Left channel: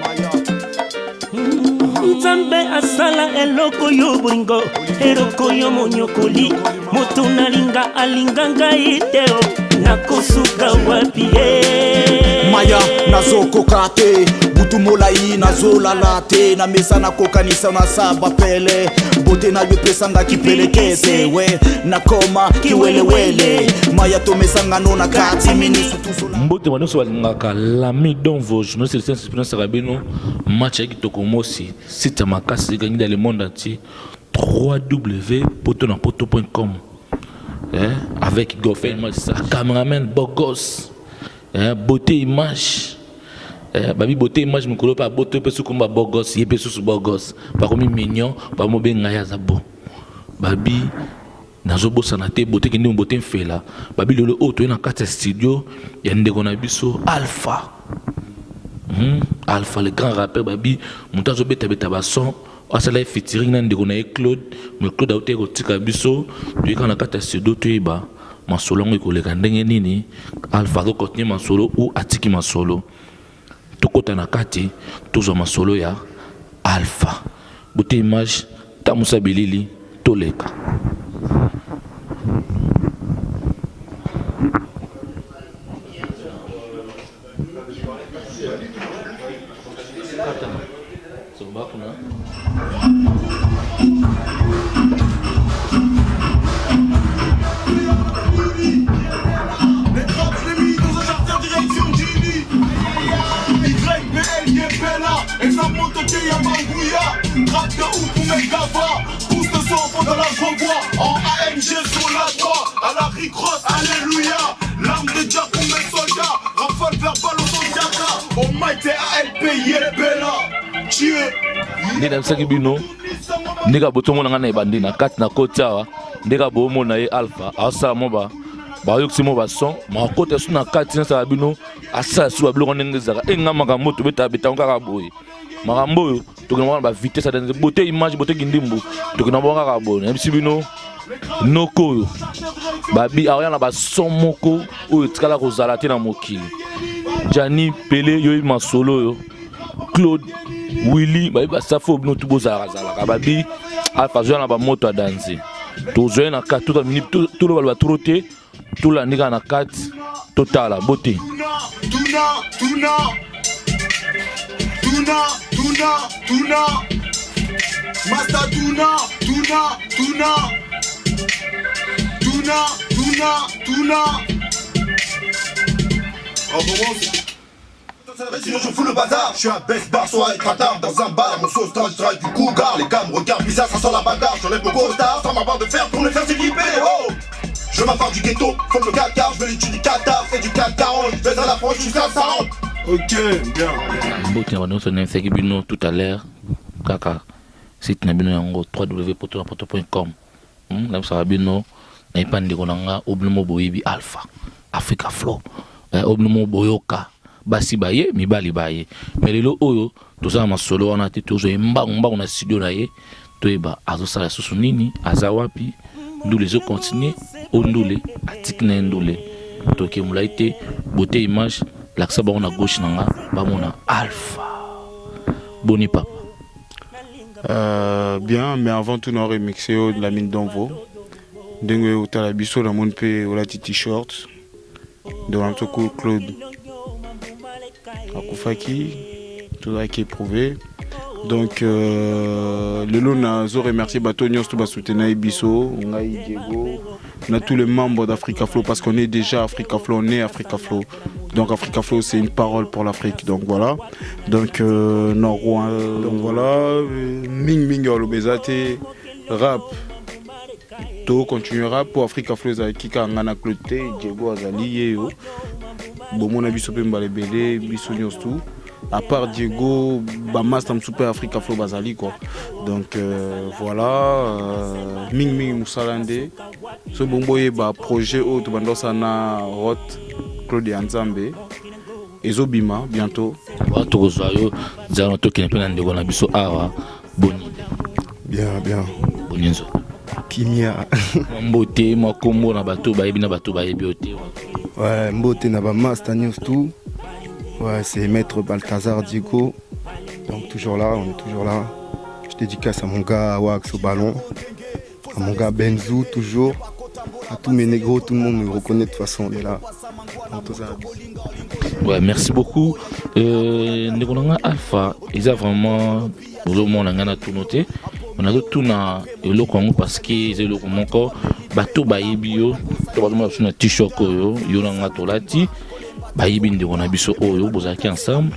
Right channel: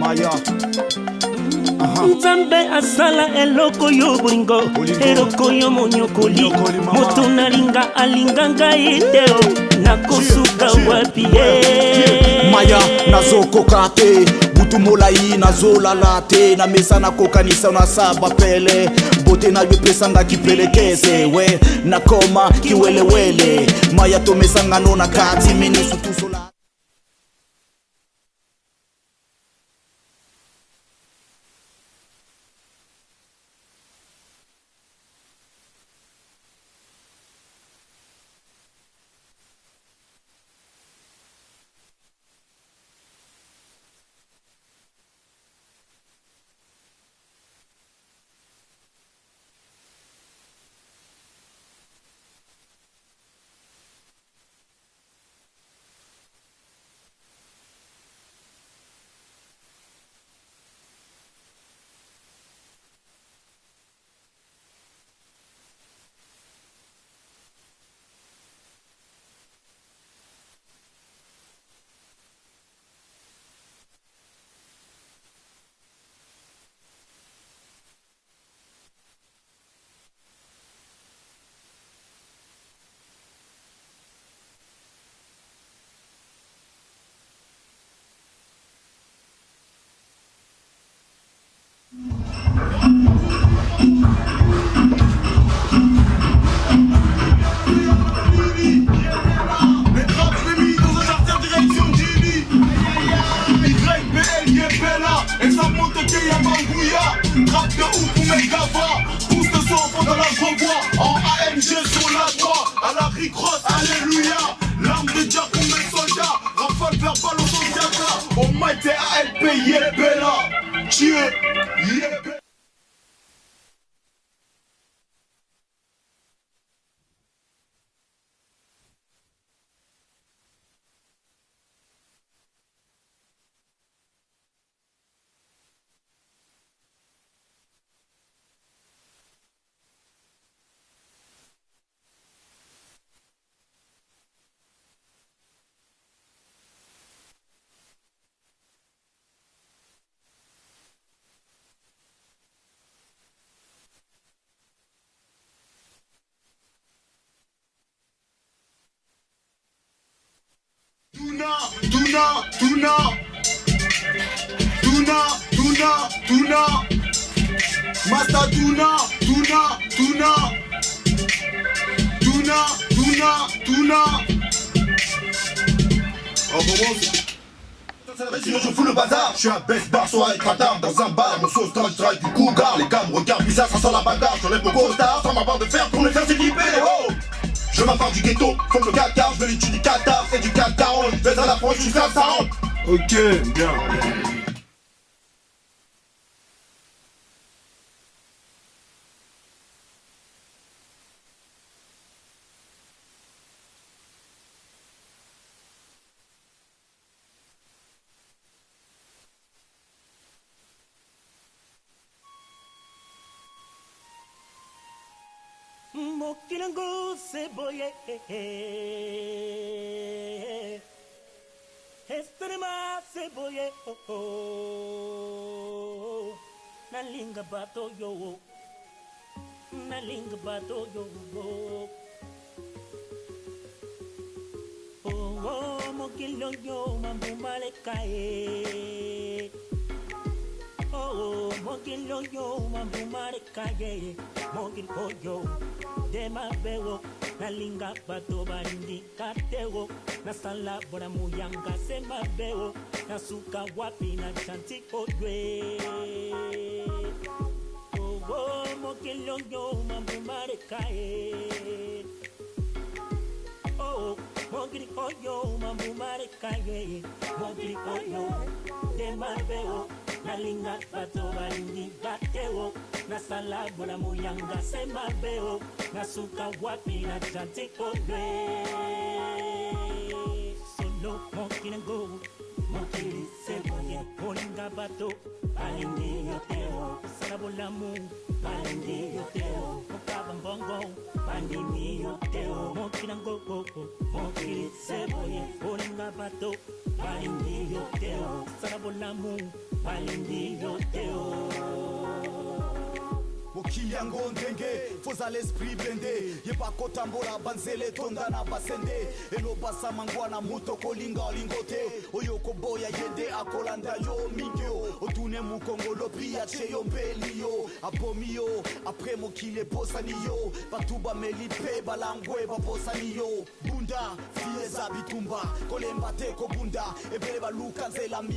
Maya Nzambe asala eloko yo bolingo eloko yo monyokoli moto nalinga alinganga ideo nakosuka wapi Maya nazokoka te butu molai nazolala te na mesa nakokanisa na saba pele bote na yo pesanga kipelekeze we nakoma kiwelewele Maya tomesanga no na kati minisu tusola mbote wanoso walingaka Lami Donvo journaliste de sciences expérience rabino match avec Tokomosi site makasi gagné dans le monde entier www.potonapoto.com avec Goffin cameraman Bogos beauté image babi beauté image mukolo pa beauté pe sukumba Bogos yepe susu Bogos pa komi mignon pa mo be ngaya zabo babi nazobo sanate beauté kende beauté mfela babi lolo auto na kata studio ya ndeko na biso Alpha Alpha le grand rappeur babi montazo beta ba son asala featuring na ndeko na Claude mais Claude auto ko tika biso tu kana kata studio tu iba masolo ngokoleka ndenge nini Alpha ko continuer masolo ou atiki masolo tokota na kati tozo masolo ya Alpha beauté image tamusa bilili toleka Rap de ouf pour mes gavas, pousse de son fond dans la renvoi. En AMG sur la droite, à la Rick-Ross, alléluia. L'arme de Jack pour mes soldats, rafale verbal au Zondiaka. Au mic t'es ALP, Yelbella. Dieu. Nega msaki bino, nega botomo na ngana ebandi na kati na koti awa, nega bomo na ye Alpha, asa moba. Ba yoksi mo ba son, ma kote su na kati na sa bino, asa su ba biloko ndenge zaka. Enga makambo to beta ngaka boye. Makambo yo tokina ba vitesse dans beauté image beauté kindimbu tokina bonga ka bona MC bino noko yo babi awya na ba son moko o tikala ko zala te na mokili Jani Pele yo masolo yo Claude Willy babi ba safo bino tubo zala ka babi Alpha zo na ba moto a danser to zo na ka tout minute tout le ba trotter tout la nika na 4 total beauté Tuna Master Tuna On commence. Sinon je fous le bazar, je suis un best bar, soit être tard dans un bar, mon sauce dans le travail du cougar, les gars me regardent bizarre, ça sent la bagarre, j'enlève mon costard, sans ma barre de fer pour me faire s'équiper, oh. Je m'appelle du ghetto, comme le Qatar, je veux l'étude du Qatar, c'est du 440, je vais dans la France jusqu'à 40. Ok, bien. Tout à l'heure, kaka, site na bino yango www.potonapoto.com. Na ça bino na ipande konanga oblumo boyebi Alpha, Africa Flow, oblumo boyoka, basi baye mibali baye. Mais lelo oyo toza masolo wana te tozo mbangu na studio na ye, toyeba azosala susu nini, azawapi, ndule zo continuer, ondule, atiki na ndule. Toke mulaite, beauté image l'accès bon à gauche nanga bamona Alpha boni papa bien mais avant tout on remixé de la mine d'Onvo dengue au talabiso la mon pe au la t-shirt de l'antoko Claude Akufaki tout ça qui est prouvé donc le lot a remercié Batonios tout soutenir Ibiso Ngai Diego on a tous les membres d'Africa Flow parce qu'on est déjà Africa Flow, on est Africa Flow. Donc Africa Flow c'est une parole pour l'Afrique. Donc voilà. Donc voilà. Ming Ming Olobezate rap. To continuera pour Africa Flow za kika ngana cloté Diego Azali yo. Bon mon avis sur Pemba les BD, Biso News tout. À part Diego, Bamas tam super Africa Flow Bazali quoi. Donc voilà, Ming Ming Moussalande. Ce bomboye ba projet autre bandosana Rot Claude Nzambe. Ezobima bientôt. Tokozayo zalo toki na ndeko na biso awa. Bien. Bonyenzo. Kimia. Mbote makombo na bato bayebi na bato bayebi ote. Ouais, mbote na ba Master News tout. Ouais, c'est Maître Balthazar Diego Donc toujours là, on est toujours là. Je dédicace à mon gars Wax au ballon, à mon gars Benzou toujours, à tous mes négros, tout le monde me reconnaît de toute façon, on est là. Ouais, merci beaucoup. Ndeko Alpha, ils ont vraiment le monde a tout noté. On a tout na le Congo parce que c'est le Congo. Bateau baibio, tout le monde a un t-shirt yo, yo na tolati. Baibi ndeko na biso oyo bozaki ensemble.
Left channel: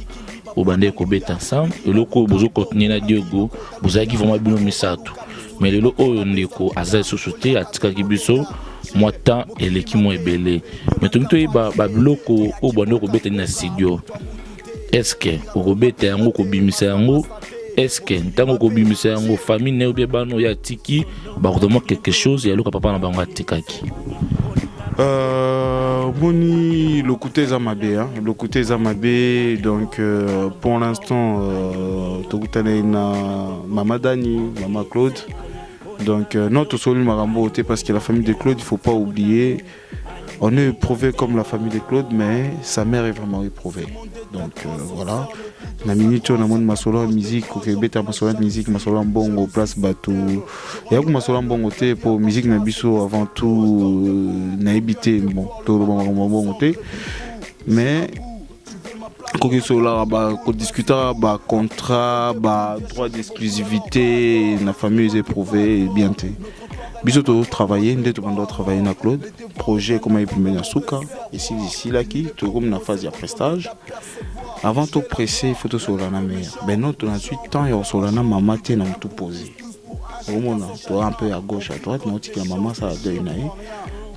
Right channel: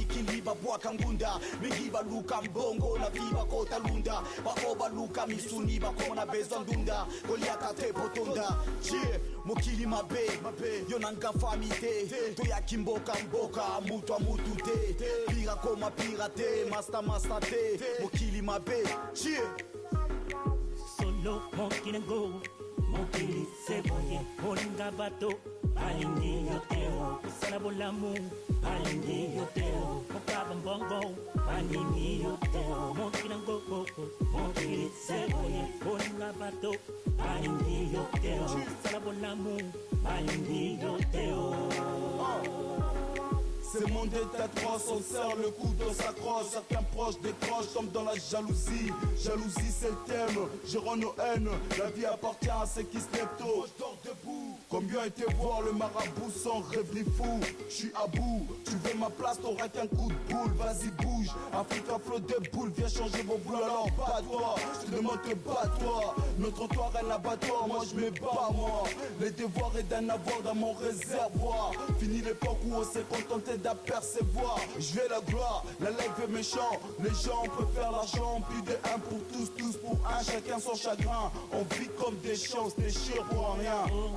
Au bandé ko beta ensemble. Le loko bozo continuer na Diogo, bozaki vraiment bien misato. Mais le loko oyo ndeko aza société atika kibiso. Moi temps et l'équipe moi belé. Mais tout le temps ba loko au bandé ko beta na studio. Est-ce que ko beta yango ko bimisa yango? Est-ce que tant que bimisa yango famille ne ou bien bano ya tiki ba vraiment quelque chose ya loka papa na bango atikaki. Moni le côté Zamabé, hein. Le côté Zamabé, donc pour l'instant, Maman Dani, Maman Claude. Donc notre seul Marambo, parce que la famille de Claude, il ne faut pas oublier, on est éprouvé comme la famille de Claude, mais sa mère est vraiment éprouvée. Donc voilà. La minute on a mon masola musique, ok, bêta masola musique, masola bongo place bateau. Et après masola bongo té pour musique na biso avant tout na habité bon tout le bongo té. Mais quand on discute contrat, droit d'exclusivité, la famille est éprouvée bien. Bisous travailler, nous devons travailler dans Claude. Projet comme il peut mener Souka, ici là qui, tout comme dans la phase de prestage. Avant tout pressé, il faut tout sur la mer. Mais nous, ensuite, tant il y a sur la mer, maman tient à tout poser. Au moment où un peu à gauche, à droite, nous disons que maman ça a deux naïs.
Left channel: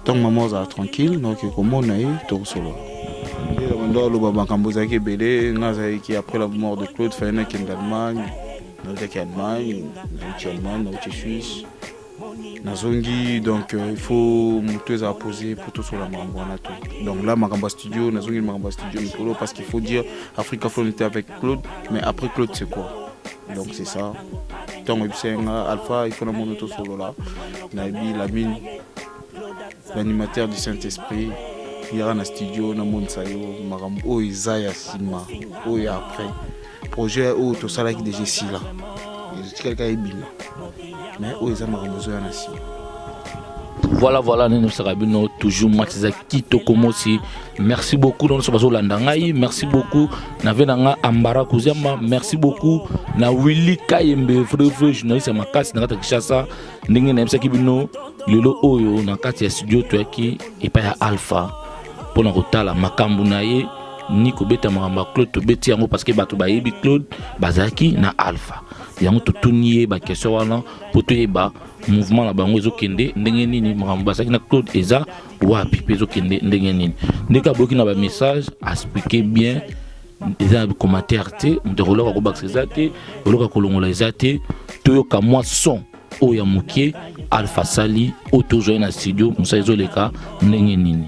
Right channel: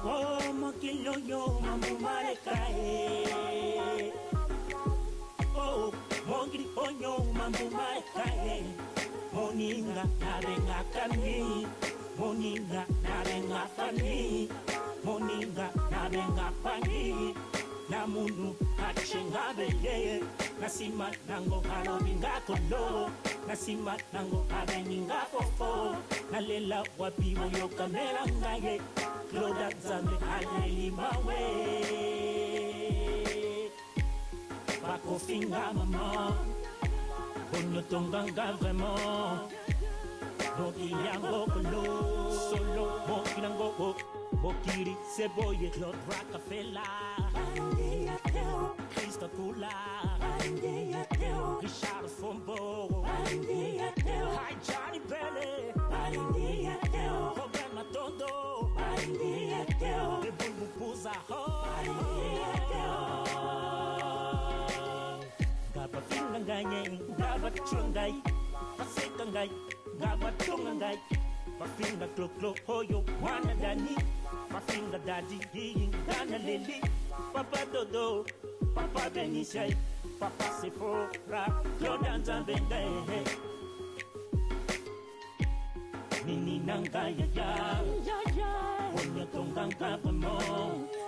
Tant que maman ça tranquille, donc comme on a eu, tout sur la mer. Après la mort de Claude, il y a qui est en Allemagne, qui est en Allemagne, qui est en Allemagne, qui est en Suisse. Nazongi, donc il faut monter à poser pour tout sur la main. Donc là, Maramba Studio, Nazongi Maramba Studio, parce qu'il faut dire Africa Flow était avec Claude, mais après Claude c'est quoi? Donc c'est ça. Donc c'est Alpha, il faut monter tout sur là. Lamine, l'animateur du Saint-Esprit. Il y a un studio, il y a un studio, Marambo, Isaiah Sima, il y a après. Projet où tout ça là qui est déjà ici là. Quelqu'un est bien. Mais où ils ont besoin ici. Voilà, nous sommes toujours Matizaki Tokomosi. Merci beaucoup, nous sommes Landangaï. Merci beaucoup, Navenanga Ambara Kouzama. Merci beaucoup, na Willy Kayembe, frère journaliste à Makasi, Nagata Kishasa. Nous sommes Kibino, Lelo Oyo, Nakati Studio Tuaki, et pas Alpha. Pour nous retala Makambu Naye, Nico Beta Maramba Claude, Beti Yango, parce que Bato Baïbi Claude, Bazaki, na Alpha. Yango to nié ba question wana poto yeba mouvement la bango ezokende ndenge nini Maramba Bazaki na Claude eza wapi pe ezokende ndenge nini ndeka boki na ba message expliquer bien eza commentaire te ndorola ko bakse zate oloka kolongola ezate toyoka moi son oya mukie Alpha Sali auto joindre na studio musa ezoleka ndenge nini.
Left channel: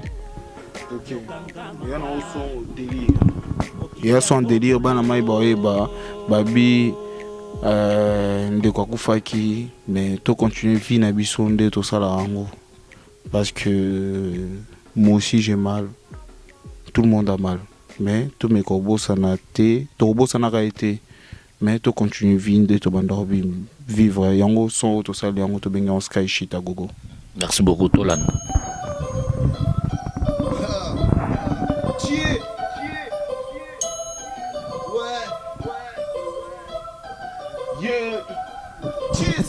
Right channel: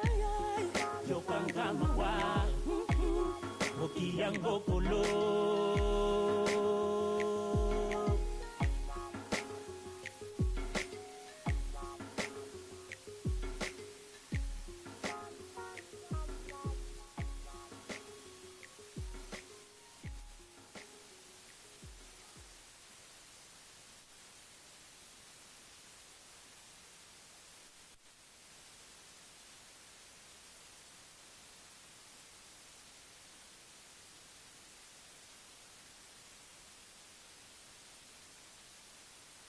Il y a son délire bana mai ba babi de quoi kufaki mais to continuer vie na biso nde to sala rango parce que moi aussi j'ai mal, tout le monde a mal, mais tous mes corbeaux ça n'a été to robot ça n'a pas été, mais to continuer vie nde to bandor vivre yango son to sala yango to benga on sky shit à gogo. Merci beaucoup Tolan.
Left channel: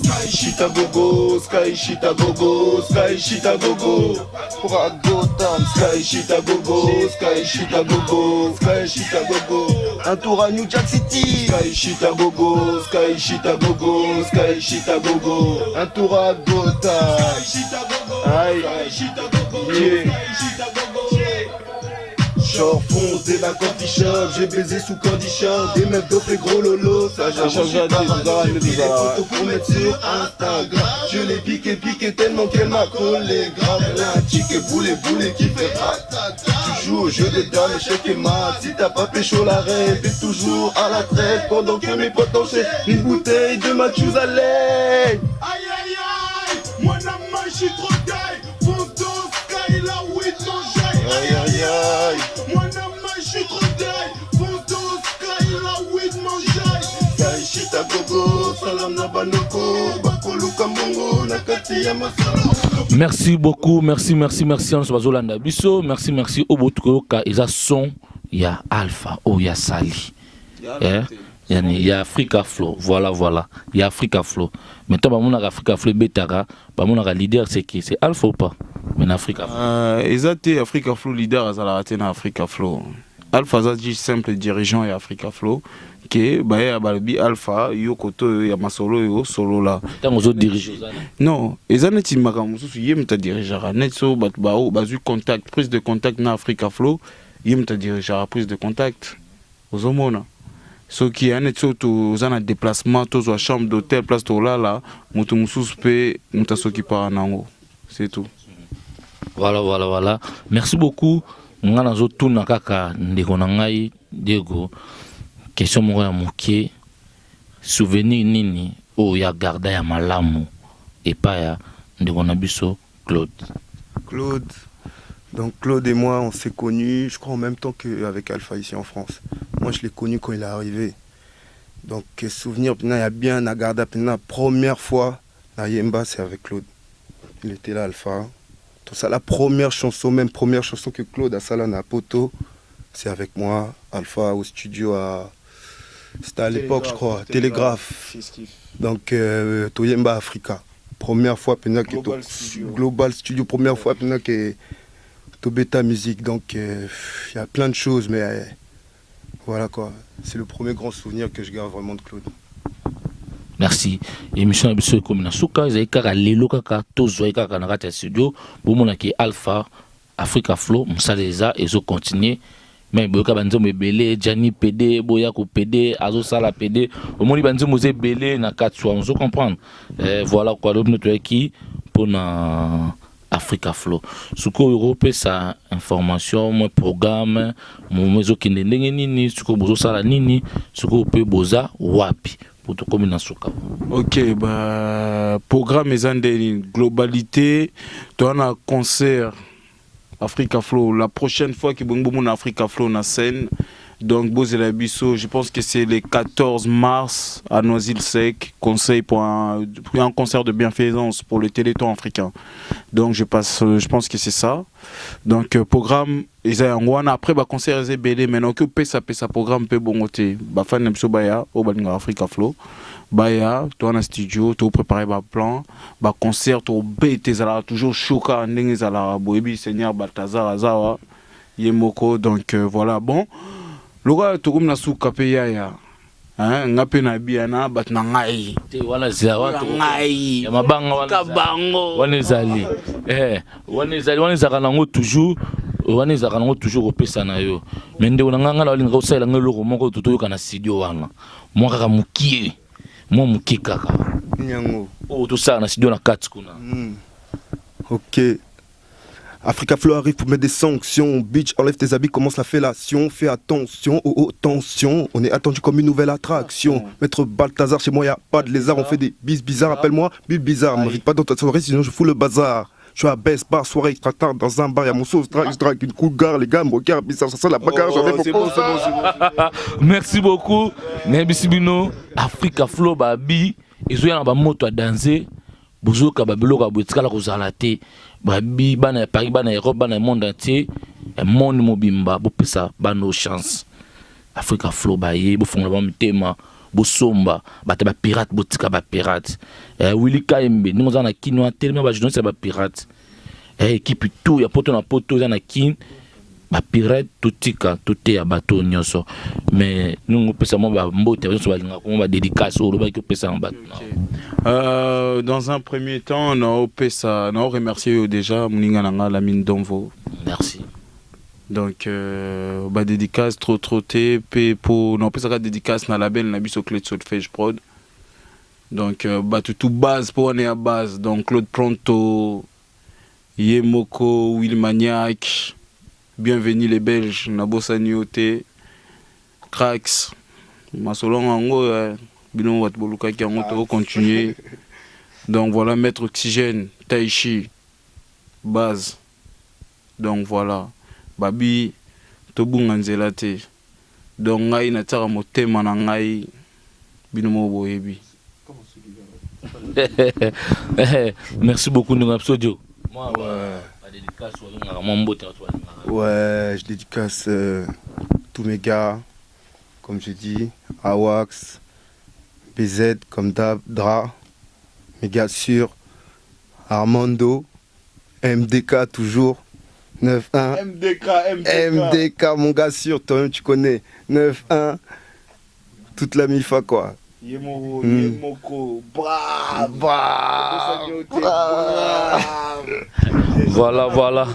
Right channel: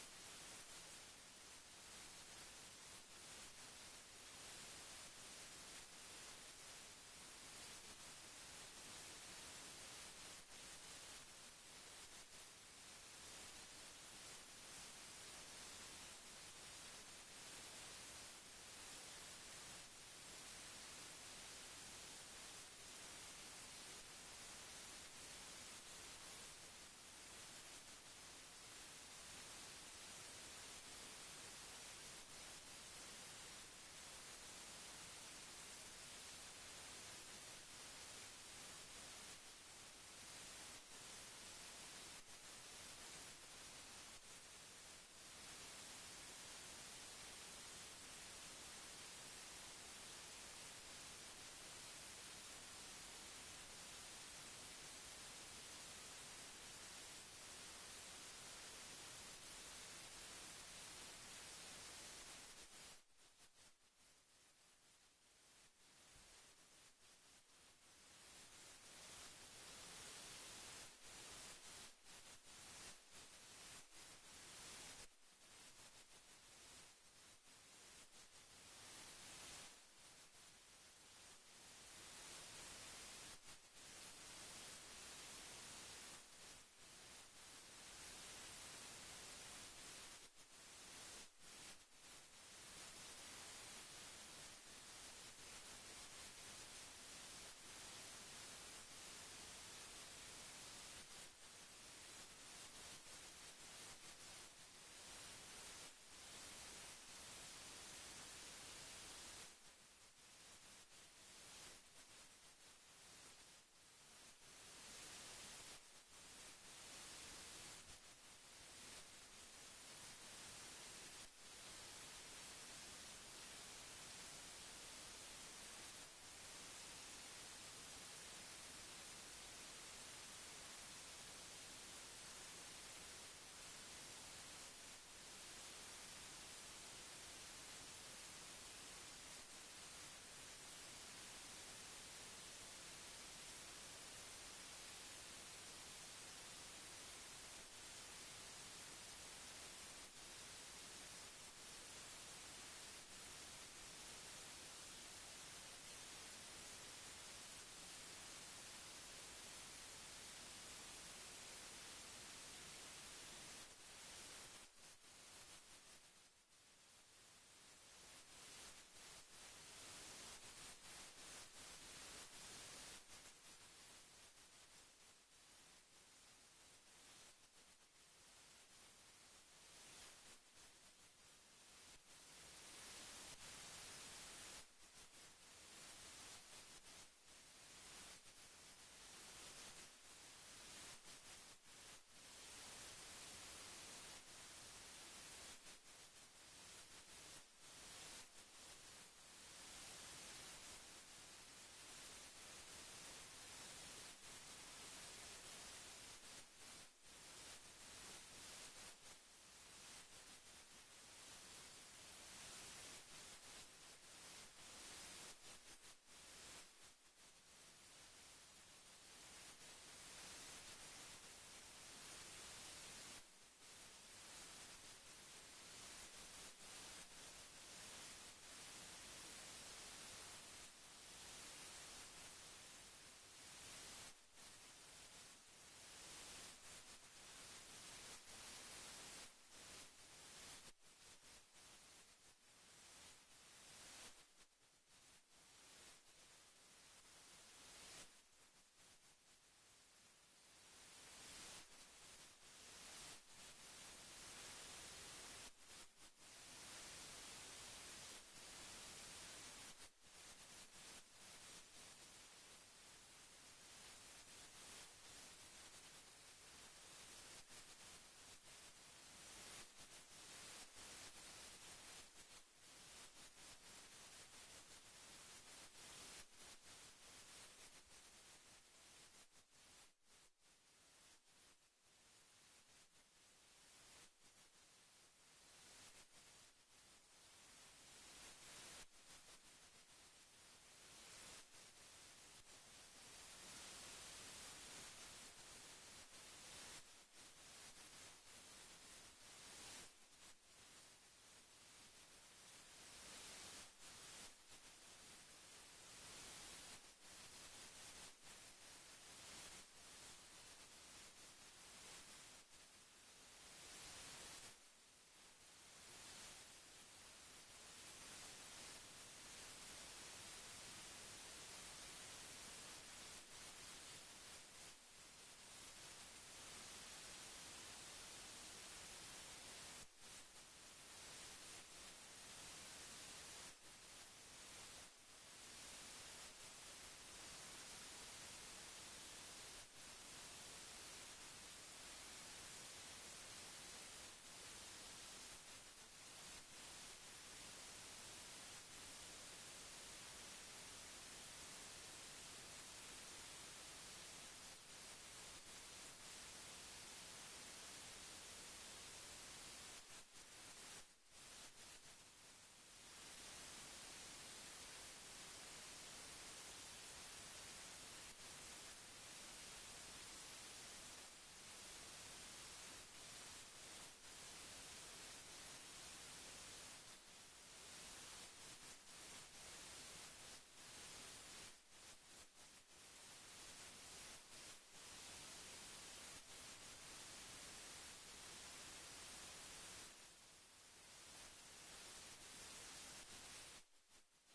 Sky shit a gogo, sky shit a gogo, sky shit a gogo. Pour a Gotham, sky shit a gogo, sky shit a gogo, sky shit a gogo. Un tour à New Jack City, sky shit a gogo, sky shit a gogo, sky shit a gogo. Un tour à Gotham, sky shit a gogo, sky shit a gogo, sky shit a gogo. Short fonce dès la coffee shop, j'ai baisé sous condition, des meufs d'offres et gros lolo, ça j'ai changé des photos pour mettre sur Instagram. Je l'ai piqué tellement qu'elle m'a collé grave. Un ticket boulet qui fait ratata. Tu joues au jeu des dames, échec et mat. Si t'as pas pécho la reine, t'es toujours à la traite. Pendant que mes potes enchaînent une bouteille de Matthews à l'aide. Aïe aïe aïe, moi la main j'suis trop gay. Fonce dans Sky là où ils s'enjaillent. Aïe aïe aïe. Moi la main j'suis trop gay. Fonce dans Sky là où ils m'enjaillent. Merci beaucoup, merci Bazolanda Bisso, merci au Botukoka, ils son il y a Alpha, il y a Sali. Il y a Africa Flow, voilà, il y a Africa Flow. Maintenant, on a Africa Flow Betara, on a leader, c'est qui? C'est Alpha ou pas? Mais Africa Flow. Exact, Africa Flow leader, à la raté na Africa Flow. Alpha, c'est juste simple dirigeant et Africa Flow. Que bah ya balbi Alpha yo koto ya masolo yo solo là. Tant aux autres dirigeants. Non, ezaneti makamusu yemta dirigera net so bat bao bazu contact prise de contact na Africa Flow yemta dirigera prise de contact aux homona. Ce qui est net so to zana déplacement to zo chambre d'hôtel place to là mutu mususu pe muta soki para nango. C'est tout. Voilà. Merci beaucoup. Ngana zo tuna kaka ndeko na ngai Diego. Question moko ya moke souvenir nini o ya garda ya malamu et pas ya ndeko na biso Claude. Donc Claude et moi on s'est connus je crois en même temps qu'avec Alpha ici en France. Moi je l'ai connu quand il est arrivé. Donc souvenir il y a bien à garda la première fois na Yemba c'est avec Claude. Il était là Alpha. Donc ça la première chanson que Claude a salé à Poto c'est avec moi Alpha au studio à c'était à l'époque, je crois, Télégraphe. Donc, Toyemba Africa. Première fois, Global Studio, première fois, que Tobeta Musique. Donc, il y a plein de choses, mais voilà quoi. C'est le premier grand souvenir que je garde vraiment de Claude. Merci. Émission Abisso comme na Souka, ils ont lelo kaka tozo kaka na kata studio, bomona ki Alpha Africa Flow, Msaleza et zo continuer. Mais boka banzo mebele Gianni PD boya ko PD azo sala PD au moni banzo mose belé na katwa on se comprendre voilà quoi l'autre notre qui pour na Africa Flow suko Europe ça information mon programme mon mezo kinde ndenge nini suko bozo sala nini suko pe boza wapi pour to comme na suka. OK bah programme ezande globalité ton un concert Africa Flow, la prochaine fois que Bongo Africa Flow na scène, donc Bozela Bisso, je pense que c'est le 14 mars à Noisy-le-Sec, conseil pour un concert de bienfaisance pour le Téléthon africain. Donc je pense que c'est ça. Donc programme, après le concert est belé, maintenant que pesa programme peut bongoter, bah fan n'aime baya au Balinga Africa Flow. Baya, toi en studio, tu préparer un plan, un concert, tu as toujours choqué, tu as boébi, Seigneur Balthazar, Azawa, Yemoko, donc voilà, bon. Le gars, tu as sous Kapeya, ngape na biana, bat na ngai. Voilà, c'est ngai. Ya mabanga Kabango. Wanezali. Wanezali nango toujours. Wanezali nango toujours au pesa na yo. Mende onanga la linga osala ngelo moko tutoyoka na studio wana. Moi kaka mukie. Moi mukie kaka. Nyango. Oh tout ça na studio na 4 kuna. OK. Africa Flow arrive pour mettre des sanctions. Bitch, enlève tes habits, commence la fellation. Fais attention, tension. On est attendu comme une nouvelle attraction. Maître Balthazar, chez moi, y a pas de lézard. On fait des bis bizarres. Appelle-moi Bill Bizarre. M'invite pas dans ta soirée, sinon je fous le bazar. Je suis à baisse, bar, soirée, extra tard, dans un bar. Y'a mon sauce, je drague une cool gare. Les gars me regardent bizarre. Ça sent la bagarre. C'est bon. Merci beaucoup. Nebisibino, Africa Flow, babi. Ils ont un moto à danser. Bozoka, babiloka, boetika la kozalate. Babi bana Paris bana Europe bana monde entier et monde mobimba bo pesa bano chance Africa Flow baye bo fonga ba mtema bo somba bata ba pirate botika ba pirate Willy Kaembe nous on a kino tellement ba journaliste ba pirate équipe tout ya poto na poto za na kin ba pirate totika toté ya bato nyonso mais nous pesa mo ba mbote so ba linga ko ba dédicace o ba ki pesa en bato. Dans un premier temps, on a remercié déjà Mouningananga Lamine Donvo. Merci. Donc, dédicace trop pour non pas ça dédicace na label na biso Claude Solfège Prod. Donc, tout base pour on est à base. Donc Claude Pronto, Yemoko, Will Maniac, bienvenue les Belges, Nabosa Nioté, Cracks, Masolong Ango. Binon wat boluka qui a continuer. Donc voilà, Maître Oxygène, Taichi, base. Donc voilà, Babi, Tobunga Nzelate. Donc ngai na tara motema na ngai binomo boyebi. Merci beaucoup, nous avons Ouais, je dédicace tous mes gars, comme je dis, Awax, BZ, comme Dab, Dra, mes gars sûrs, Armando, MDK toujours, 9-1. MDK, mon gars sûr, toi-même tu connais, 9-1, toute la MIFA quoi. Yemoko, Voilà.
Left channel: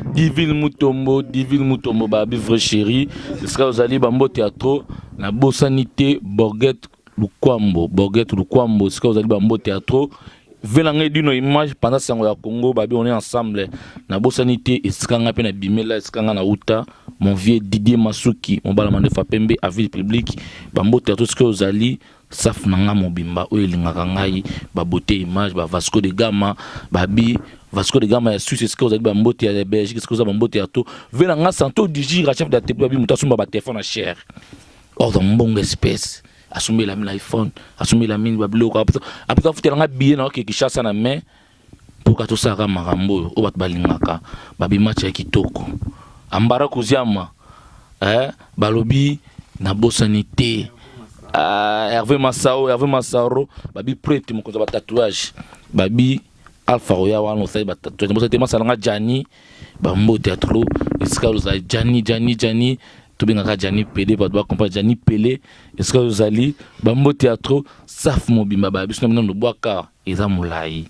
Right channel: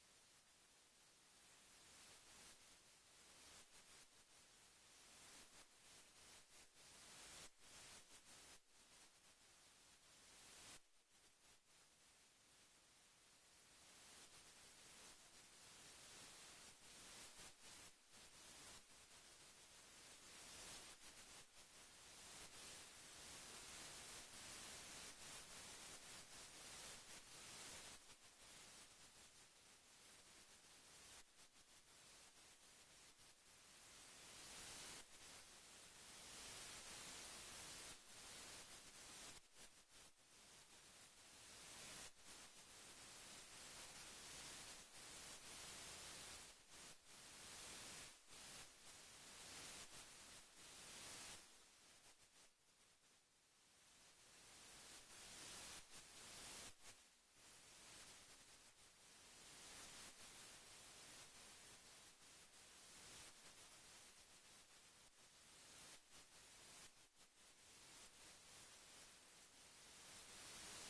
Divine Mutombo, babi vrai chéri. Ce sera aux alliés Bambo Théâtre, la Bossanité, Borgette Lukwambo, ce sera aux alliés Bambo Théâtre. Venangé d'une image pendant ce temps Congo, babi on est ensemble. La Bossanité, et ce qu'on appelle Bimela, ce qu'on a Outa, mon vieux Didier Masuki, mon balamande Fapembe, à ville publique, Bambo Théâtre, ce que aux alliés. Saf nanga mobimba oyo elingaka ngai babote image ba Vasco de Gama babi Vasco de Gama ya Suisse ce que vous avez bambote ya Belgique ce que vous avez bambote ya to vela nga santo digi chef de télé babi mutasumba ba téléphone cher or dans bon espèce assumer la iPhone assumer la mine babiloko après futela nga billet na ki chassa na main pour ka to saka marambo o bat balingaka babi match ya kitoko ambara kuziama balobi na Bossanité. Hervé Massaro, babi prête mon côté tatouage, babi Alpha Roya wan fait tatouage. Moi c'était Massalanga Jani, bambo théâtre, est-ce vous avez Jani, tout bien nga Jani Pelé, pas doit comprendre Jani Pelé, est-ce que vous allez bambo théâtre, saf mobimba babi, sinon non bois car eza moulai.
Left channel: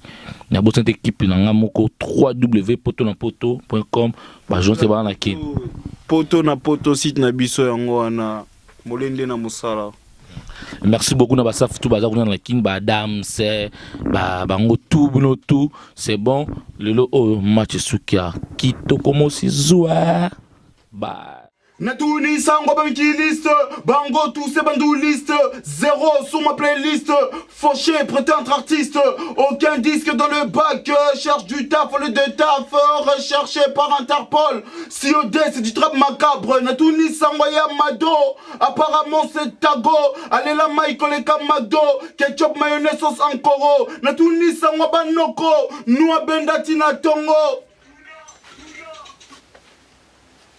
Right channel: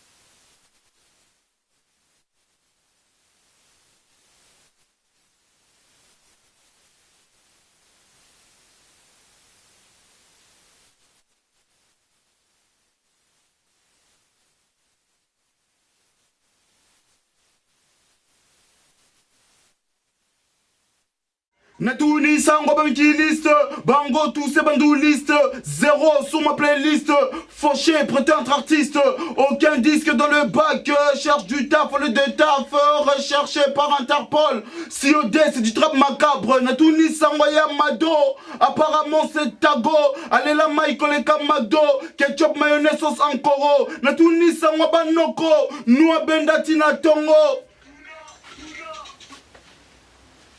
Na bo cette équipe na ngamoko www.potonapoto.com, ba jonse ba na ki. Poto na poto site na biso yango wana molende na musala. Merci beaucoup na basaf tout bazar na king ba dam c'est ba bango tout c'est bon le match sukia kitoko mosi zoa ba Natouni sango liste, bango tous ces bandoulistes, zéro sur ma playlist, fauché, prétendre artiste, aucun disque dans le bac, cherche du taf au lieu de taf, recherché par Interpol, COD c'est du trap macabre, Natouni sango ya Mado, apparemment c'est Tago, allez la Michael et Kamado, ketchup mayonnaise sauce ankoro, Natouni sango banoko, nous bendati na tongo.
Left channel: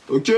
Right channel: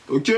Ok.